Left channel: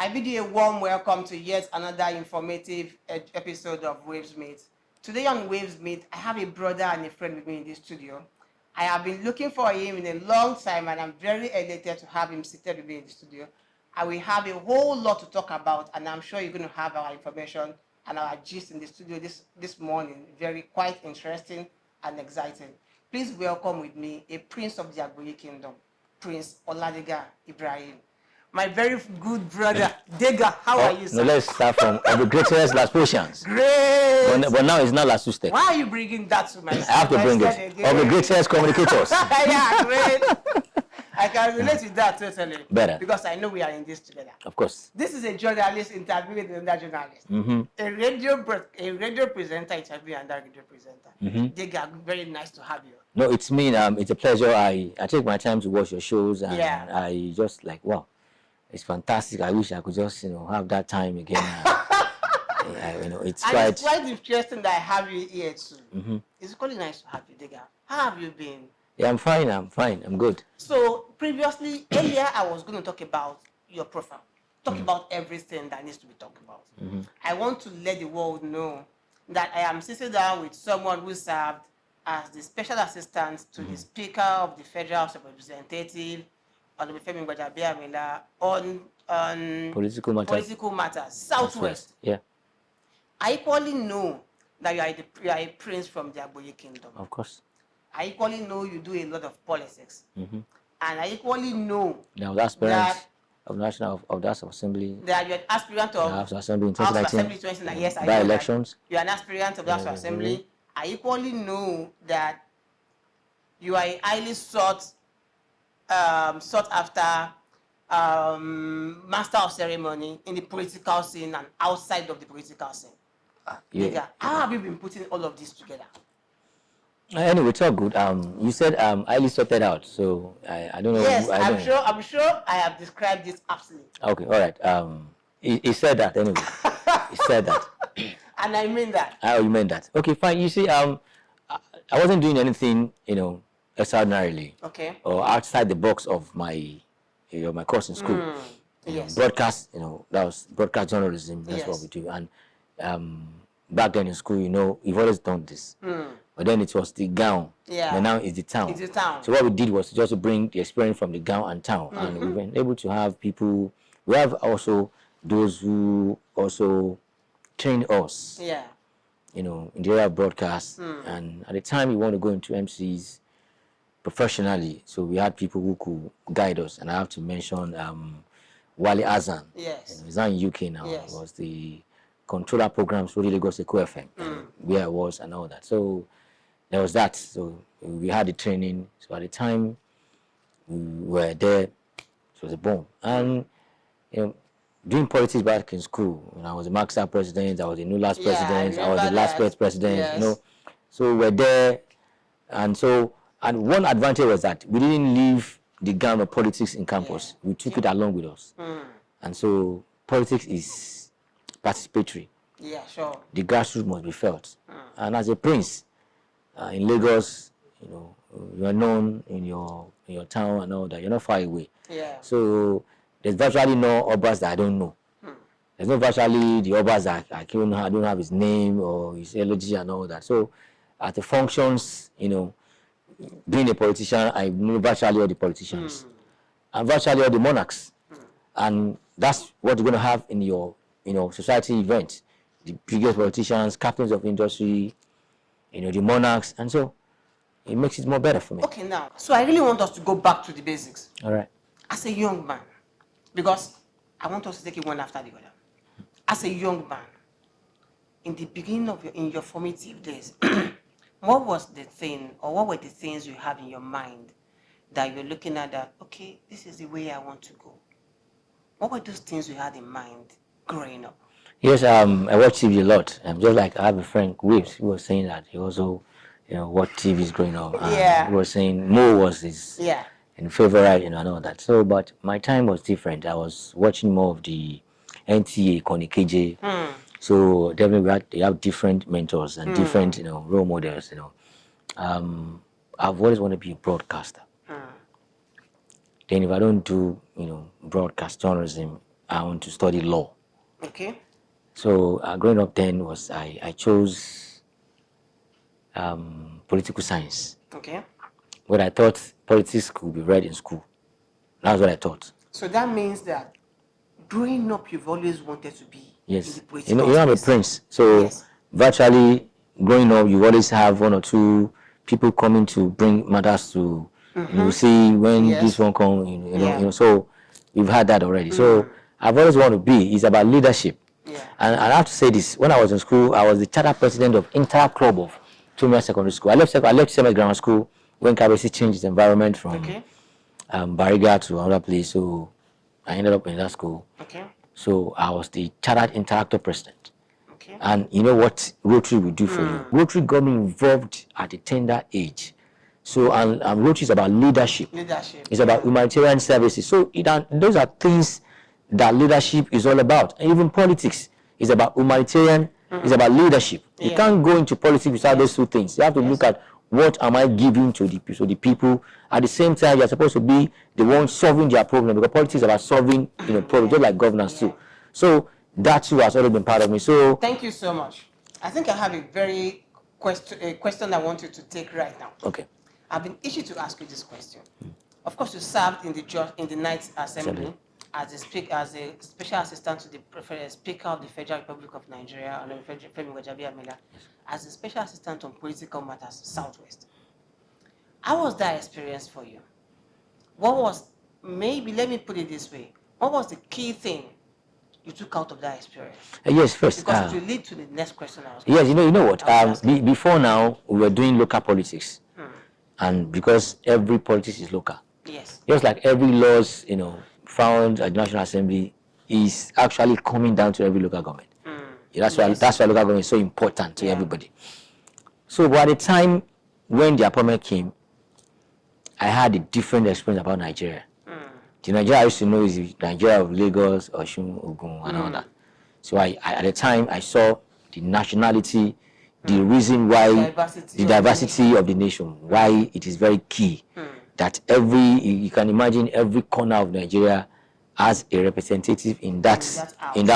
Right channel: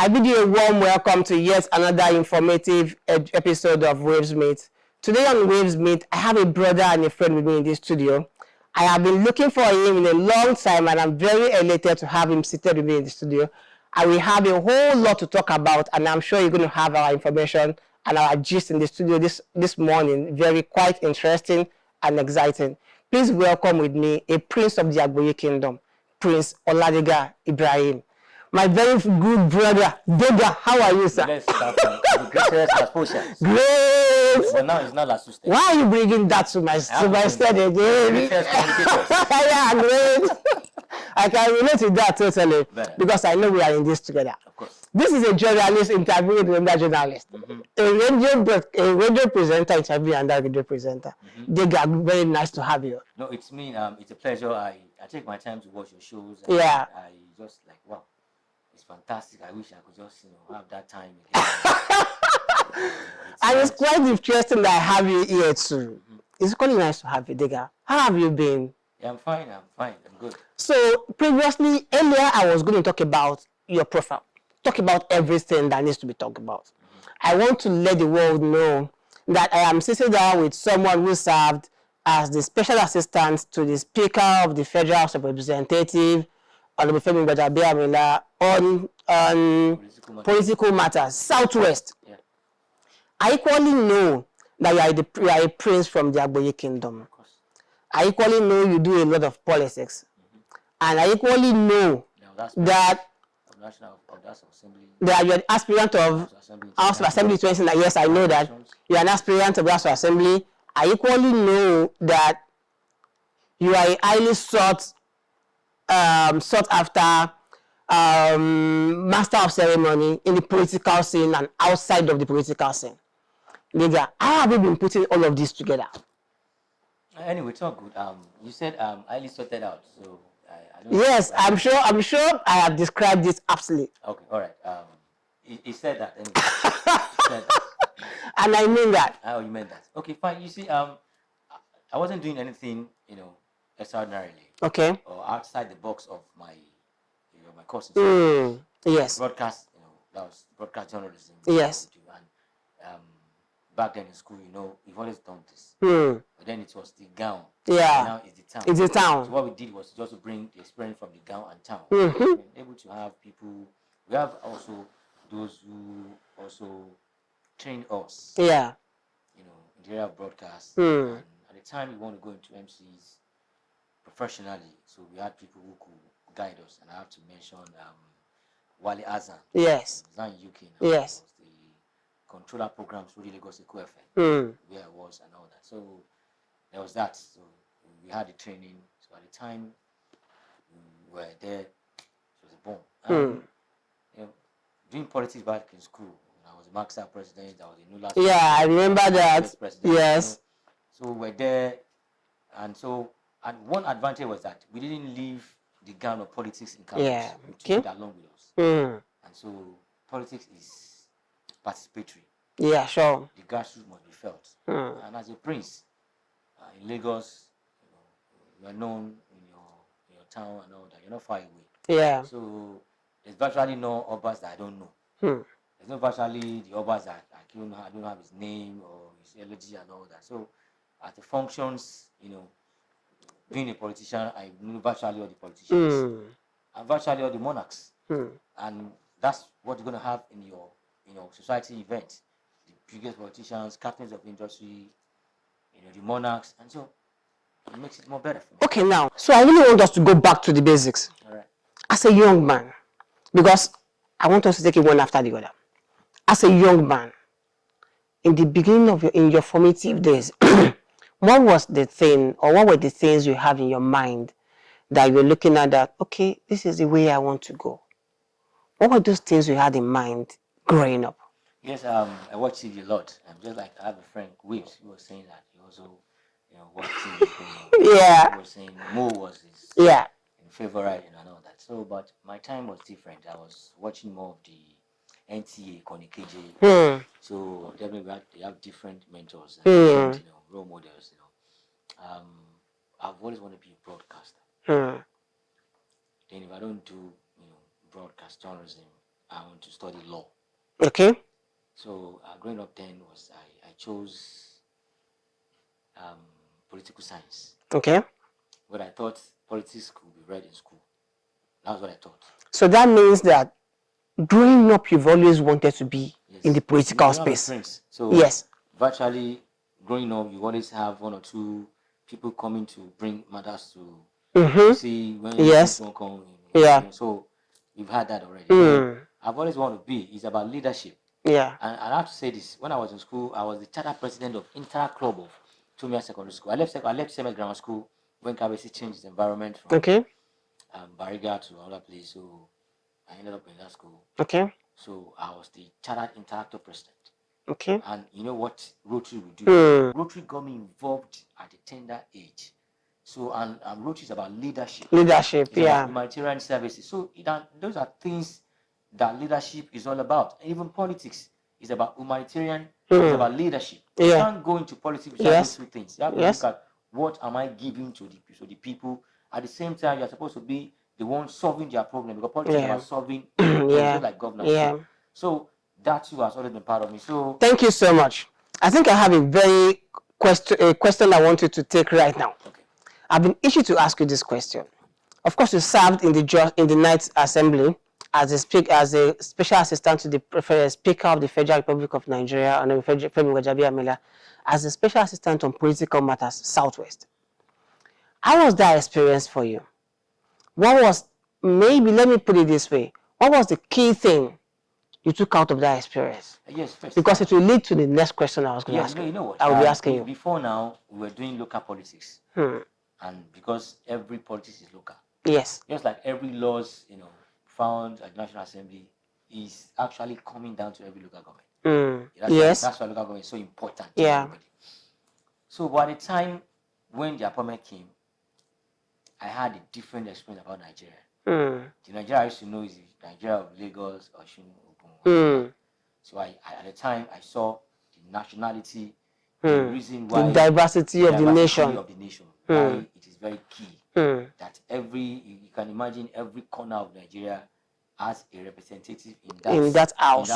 I bid you a warm welcome to yet another informative episode of Waves Meet. Today on Waves Meet, I have a brother and a friend with me in this studio. I have been looking for him in a long time, and I'm very elated to have him seated with me in the studio. And we have a whole lot to talk about, and I'm sure you're going to have our information and our gist in the studio this morning. Very quite interesting and exciting. Please welcome with me a prince of the Agboyi Kingdom, Prince Oladega Ibrahim. My very good brother, Dega, how are you, sir? Let's start from the greatest last portions. Great! But now it's not last Tuesday. Why are you bringing that to my stage again? The greatest communicators. Yeah, great. I can relate to that totally. Better. Because I know we are in this together. Of course. This is a journalist interviewing another journalist. A radio presenter interviewing another radio presenter. Dega, very nice to have you. No, it's me. It's a pleasure. I take my time to watch your shows. And I just like, wow. It's fantastic. I wish I could just, have that time again. It's quite interesting that I have you here too. It's quite nice to have you, Dega. How have you been? Yeah, I'm fine. I'm good. So previously, earlier, I was going to talk about your profile, talk about everything that needs to be talked about. I want to let the world know that I am sitting down with someone who served as the special assistant to the Speaker of the Federal House of Representatives, Femi Saheed, on political matters, Southwest. Yeah. I equally know that you are a prince from the Agboyi Kingdom. Of course. I equally know you do a lot of politics. And I equally know that of National Assembly. That you're an aspirant of House of Assembly. Yes, I know that. You're an aspirant of the House of Assembly. I equally know that you are a highly sought after master of ceremony in the political scene and outside of the political scene. Lydia, how have you been putting all of this together? Anyway, it's all good. You said highly sorted out, so I don't know. Yes, I'm sure I have described this aptly. Okay, all right. He said that anyway. He said that. And I mean that. Oh, you meant that. Okay, fine. You see, I wasn't doing anything, extraordinarily. Okay. Or outside the box of my course in school. Yes. Broadcast, that was broadcast journalism. Yes. What we do. And back then in school, you've always done this. But then it was the gown. Yeah. And now it's the town. It's the town. So what we did was just to bring the experience from the gown and town. And we've been able to have people. We have also those who also train us. Yeah. In the area of broadcast. And at the time, we want to go into MCs professionally. So we had people who could guide us. And I have to mention Wale Azan. Yes. He's now in UK now. Yes. He was the controller programs for the Lagos State FM, where I was and all that. So there was that. So we had the training. So at the time we were there, it was a bomb. And doing politics back in school, when I was a Maxar president, I was a NULASS president. Yeah, I remember that. President, yes. So we're there, and one advantage was that we didn't leave the ground of politics in campus. Yeah. We took it along with us. And so politics is participatory. Yeah, sure. The grassroots must be felt. And as a prince in Lagos, you are known in your town and all that. You're not far away. Yeah. So there's virtually no obas that I don't know. There's no virtually the obas that I don't have his name or his eulogy and all that. So at the functions, being a politician, I know virtually all the politicians and virtually all the monarchs. And that's what you're going to have in your society event. The biggest politicians, captains of industry, the monarchs, and so it makes it more better for me. Okay, now, so I really want us to go back to the basics. All right. As a young man, because I want us to take it one after the other. As a young man, in the beginning of your formative days, what was the thing, or what were the things you have in your mind that you're looking at that, okay, this is the way I want to go? What were those things you had in mind growing up? Yes, I watch TV a lot. Just like I have a friend, Waves, who was saying that he also, watch TV is going on. Yeah. He was saying Mo was his favorite, and all that. So, but my time was different. I was watching more of the NTA, Connie KJ. So definitely they have different mentors and different, role models. I've always wanted to be a broadcaster. Then if I don't do, broadcast journalism, I want to study law. Okay. So growing up then was I chose political science. Okay. What I thought politics could be read in school. That's what I thought. So that means that growing up, you've always wanted to be Yes. in the political I'm a space. prince. So yes. virtually growing up, you always have one or two people coming to bring matters to you see when this one comes. So we've had that already. So I've always wanted to be. It's about leadership. Yeah. And I have to say this: when I was in school, I was the charter president of Inter Club of Tomia Secondary School. I left Semes Grammar School when Kabesi changed its environment from Bariga to another place. So I ended up in that school. Okay. So I was the chartered interactor president. Okay. And you know what Rotary would do for me? Rotary got me involved at a tender age. So and Rotary is about leadership. Leadership. It's about humanitarian services. So those are things that leadership is all about. And even politics is about humanitarian. It's about leadership. You can't go into politics without those two things. You have to look at what am I giving to the people. At the same time, you're supposed to be the one solving their problem, because politics is about solving problems, just like governance too. So that too has already been part of me. So thank you so much. I think I have a very question I want you to take right now. Okay. I've been issued to ask you this question. Of course, you served in the Ninth Assembly as a special assistant to the Speaker of the Federal Republic of Nigeria, and Femi Saheed, as a special assistant on political matters, Southwest. How was that experience for you? What was, maybe let me put it this way, what was the key thing you took out of that experience? Yes, first. Because it will lead to the next question I was going to ask. Yes, you know what? Before now, we were doing local politics. And because every politics is local. Yes. Just like every laws, found at the National Assembly is actually coming down to every local government. That's why local government is so important to everybody. So by the time when the appointment came, I had a different experience about Nigeria. The Nigeria I used to know is the Nigeria of Lagos, Osun, Ogun, and all that. So at the time, I saw the nationality, the reason why the diversity of the nation, why it is very key that you can imagine every corner of Nigeria has a representative in that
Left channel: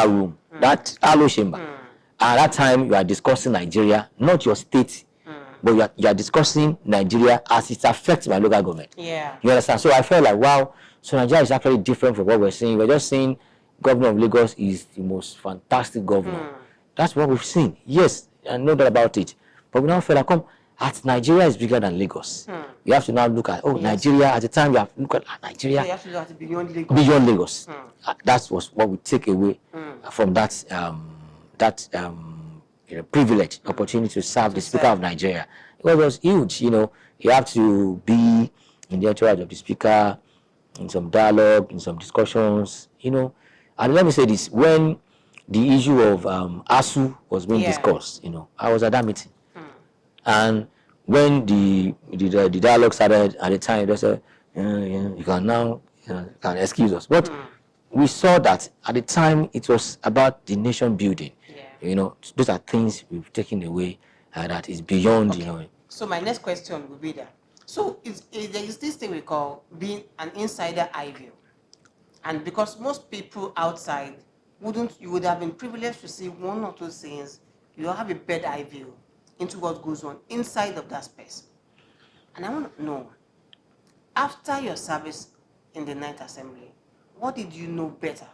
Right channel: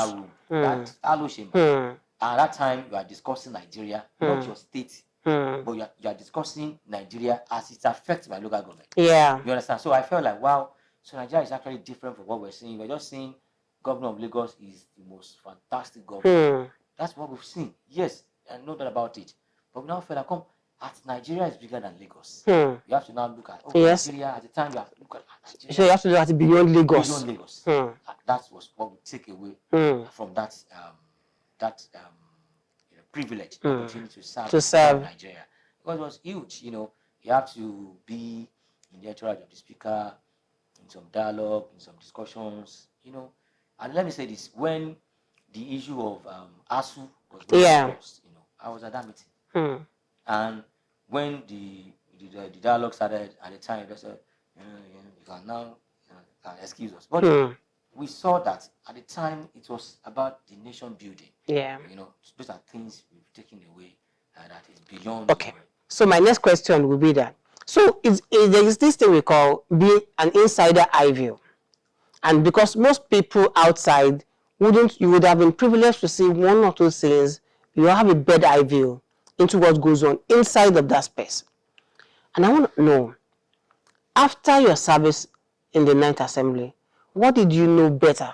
room, that alo chamber. At that time, you are discussing Nigeria, not your state, but you are discussing Nigeria as it affects my local government. Yeah. You understand? So I felt like, wow, so Nigeria is actually different from what we're saying. We're just saying governor of Lagos is the most fantastic governor. That's what we've seen. Yes, I know that about it. But we now feel like, Nigeria is bigger than Lagos. You have to now look at, Nigeria, at the time you have to look at Nigeria. So you have to look at it beyond Lagos. Beyond Lagos. That was what we take away from that privilege, opportunity to serve the Speaker of Nigeria. It was huge, You have to be in the entourage of the Speaker, in some dialogue, in some discussions, And let me say this, when the issue of ASU was being discussed, I was at that meeting. And when the dialogue started at the time, they said, you can now can excuse us. But we saw that at the time it was about the nation building. Yeah. Those are things we've taken away that is beyond. Okay. So my next question will be that. So there is this thing we call being an insider eye view, and because most people outside you would have been privileged to see one or two things, you have a bird eye view into what goes on inside of that space. And I want to know, after your service in the Ninth Assembly, what did you know better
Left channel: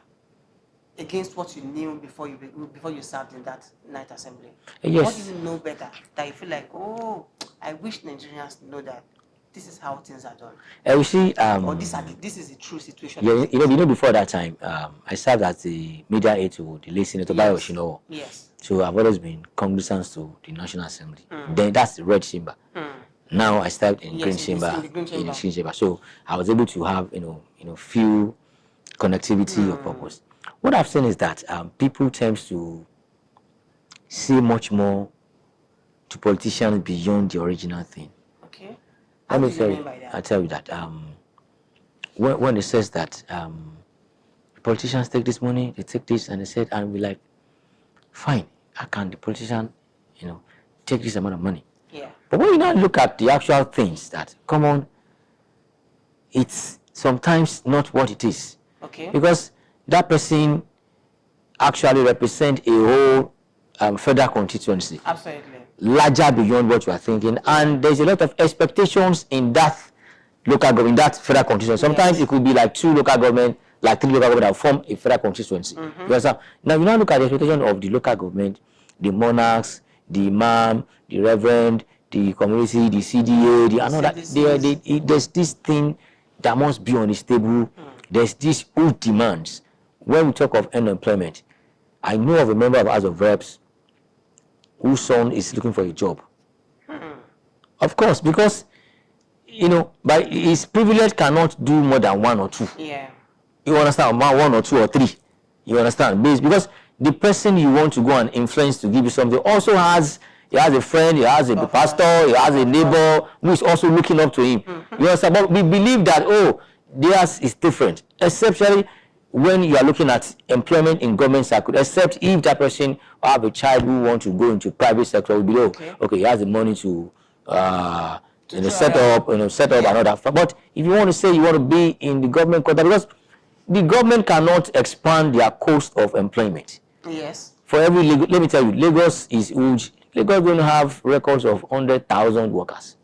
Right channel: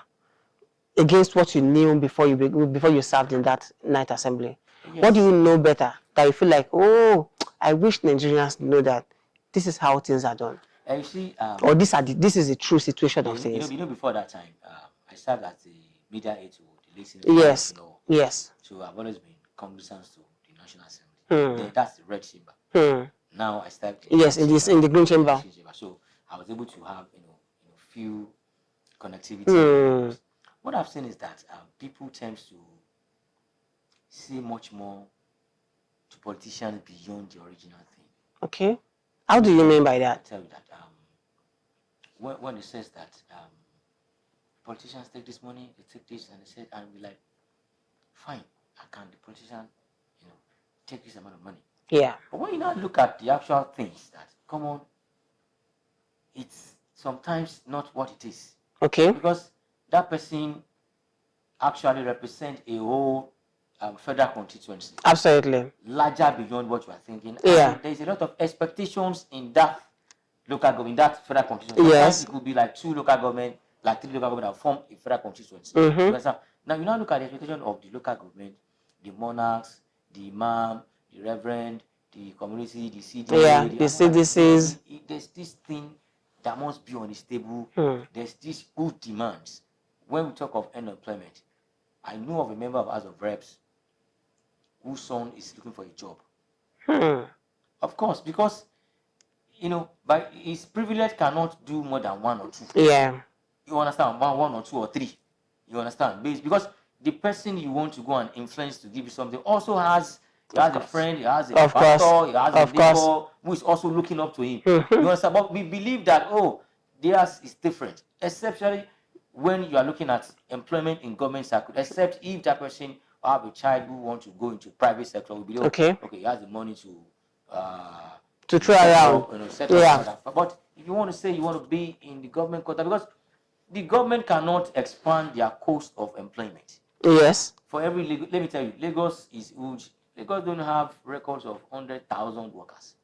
against what you knew before you served in that Ninth Assembly? Yes. What do you know better that you feel like, oh, I wish Nigerians know that this is how things are done? You see, or this is a true situation. Yeah, before that time, I served as the media aide to the late Senator Bayo Osinowo. Yes. So I've always been cognizant to the National Assembly. Then that's the red chamber. Now I stepped in the green chamber. So I was able to have few connectivity. What I've seen is that people tend to see much more to politicians beyond the original thing. Okay. How do you mean by that? I tell you that when it says that politicians take this money, they take this, and they said, and we're like, fine, how can the politician, take this amount of money? Yeah. But when you now look at the actual things that come on, it's sometimes not what it is. Okay. Because that person actually represents a whole federal constituency. Absolutely. Larger beyond what you are thinking. Yeah. And there's a lot of expectations in that local government, that federal constituency. Sometimes Yes. it could be like 2 local government, like 3 local government that form a federal constituency. Now you now look at the expectation of the local government, the monarchs, the imam, the reverend, the community, the CDA, the CDCs. There's this thing that must be on this table. There's these huge demands. When we talk of unemployment, I know of a member of House of Reps whose son is looking for a job. Of course, because by his privilege cannot do more than 1 or 2. Yeah. You understand? 1 or 2 or 3. You understand? Because the person you want to go and influence to give you something also has a friend, he has a pastor, he has a neighbor who is also looking up to him. You understand? But we believe that theirs is different, especially when you are looking at employment in government circle, except if that person have a child who wants to go into private sector, will be okay, he has the money to set up and all that. But if you want to say you want to be in the government quarter, because the government cannot expand their cost of employment. Yes. For every let me tell you, Lagos is huge. Lagos don't have records of 100,000 workers.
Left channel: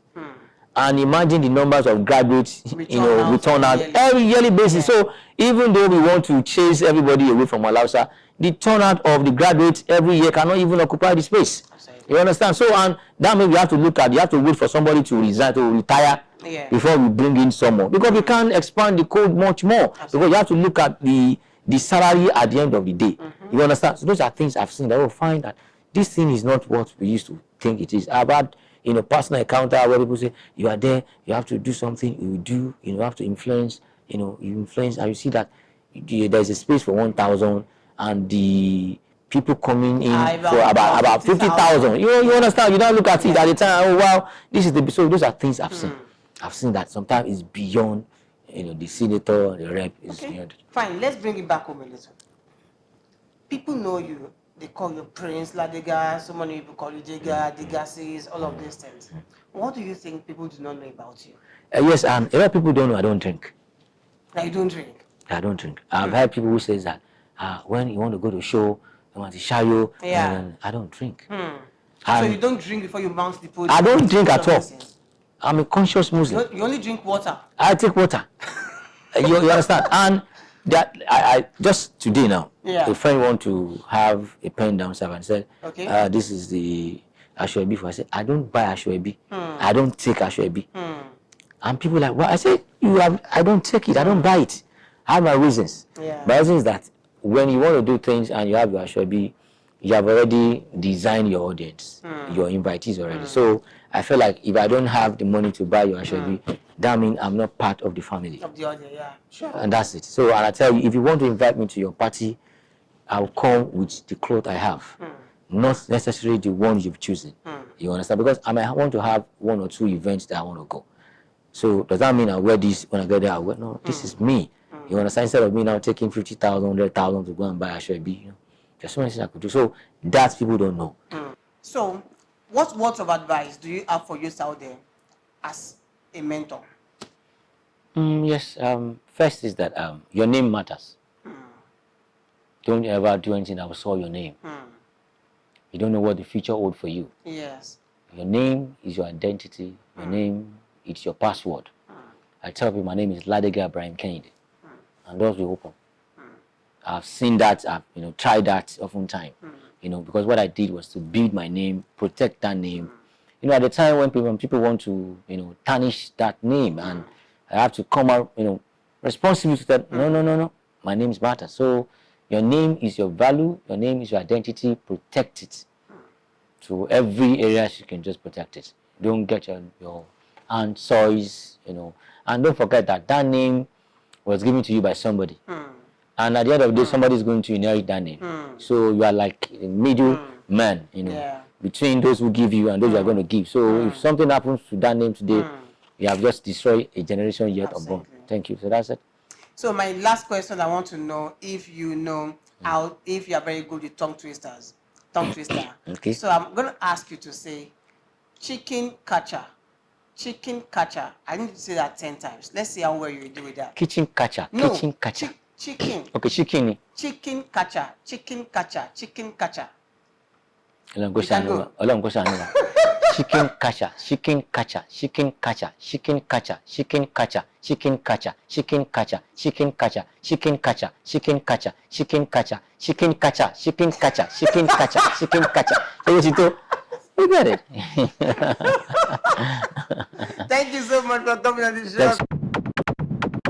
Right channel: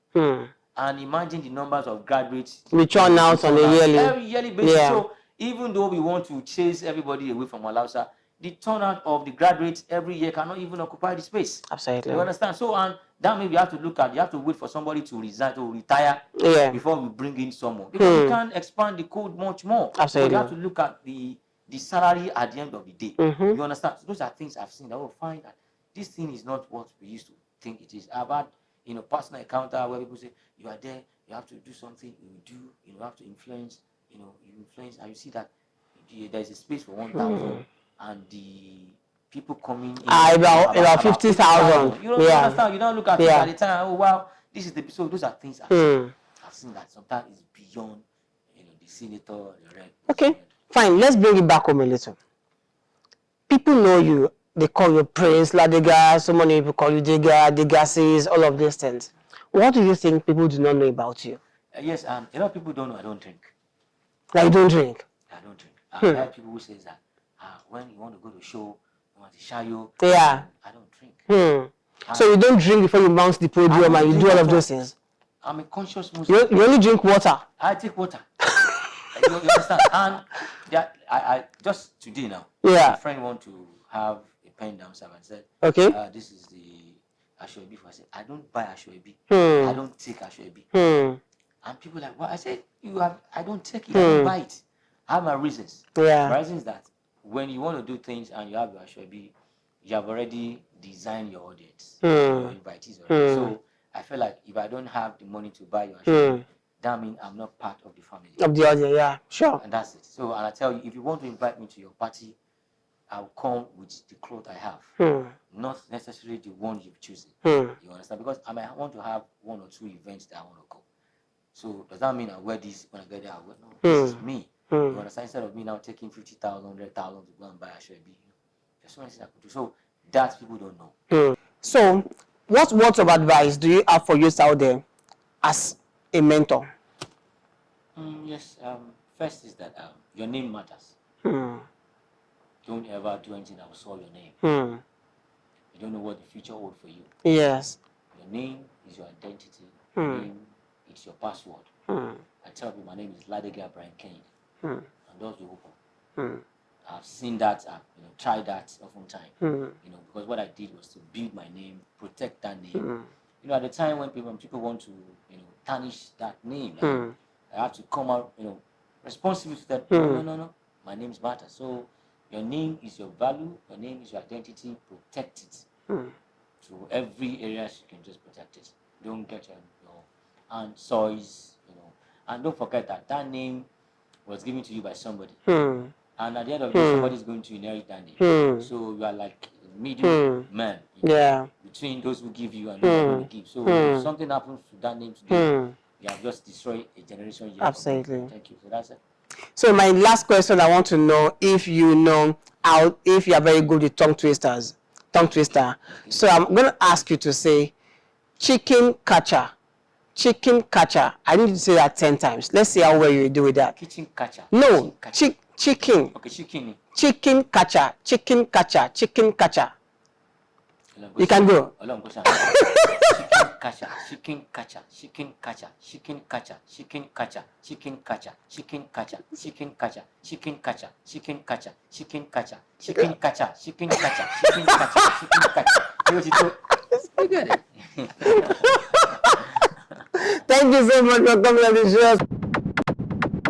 And imagine the numbers of graduates return out every yearly basis. So even though we want to chase everybody away from Alausa, the turnout of the graduates every year cannot even occupy the space. Absolutely. You understand? So, and that means we have to look at, you have to wait for somebody to resign, to retire before we bring in someone. Because we can't expand the code much more. Absolutely. Because you have to look at the salary at the end of the day. You understand? So those are things I've seen that will find that this thing is not what we used to think it is. I've had personal encounter where people say, you are there, you have to do something, you do, you have to influence, you influence, and you see that there's a space for 1,000 and the people coming in about 50,000. You understand? You don't look at it at the time, oh wow, this is so those are things I've seen. I've seen that sometimes it's beyond, the senator, the rep. Okay, fine, let's bring it back home a little. People know you. They call you Prince, Ladega, so many people call you Dega, Degasis, all of these things. What do you think people do not know about you? Yes, a lot of people don't know I don't drink. Like you don't drink? I don't drink. I've heard people who say that when you want to go to a show, you want to show you, I don't drink. So you don't drink before you mount the podium? I don't drink at all. Things. I'm a conscious Muslim. You only drink water? I take water. you understand? And that I just today now, a friend want to have a pen downstairs and said, this is the Ashwebi for. I said, I don't buy Ashwebi. I don't take Ashwebi. And people like, well, I said, I don't take it. I don't buy it. I have my reasons. My reason is that when you want to do things and you have your Ashwebi, you have already designed your audience, your invitees already. So I feel like if I don't have the money to buy your Ashwebi, that means I'm not part of the family. Of the audience, sure. And that's it. So, and I tell you, if you want to invite me to your party, I'll come with the clothes I have. Not necessarily the one you've chosen. You understand? Because I might want to have 1 or 2 events that I want to go. So, does that mean I wear this when I get there? I wear, no, this is me. You understand? Instead of me now taking 50,000, 100,000 to go and buy a Ashwebi, there's so many things I could do. So, that people don't know. So, what words of advice do you have for youth out there as a mentor? Yes. First is that your name matters. Don't ever do anything that will soil your name. You don't know what the future holds for you. Yes. Your name is your identity. Your name is your password. I tell people my name is Oladega Ibrahim Kehinde. And doors will open. I've seen that. I've tried that oftentimes. Because what I did was to build my name, protect that name. At the time when people want to, tarnish that name, and I have to come out, responsible to that. No. My name is matter. So your name is your value. Your name is your identity. Protect it. To every area you can just protect it. Don't get your hand soils, and don't forget that name was given to you by somebody. And at the end of the day, somebody is going to inherit that name. So you are like a middle man, between those who give you and those who are going to give. So if something happens to that name today, you have just destroyed a generation yet. Absolutely. Thank you. So that's it. So my last question, I want to know if you know if you are very good with tongue twisters. Tongue twister. Okay. So I'm going to ask you to say chicken catcher. Chicken catcher. I need to say that 10 times. Let's see how well you do with that. Kitchen catcher. No. Kitchen catcher. Chicken. Okay, chicken. Chicken catcher. Chicken catcher. Chicken catcher. You can go. Chicken catcher, chicken catcher, chicken catcher, chicken catcher, chicken catcher, chicken catcher, chicken catcher, chicken catcher, chicken catcher, chicken catcher, chicken catcher, chicken catcher, chicken catcher, chicken catcher, chicken catcher. You get it. Thank you so much for coming on the show.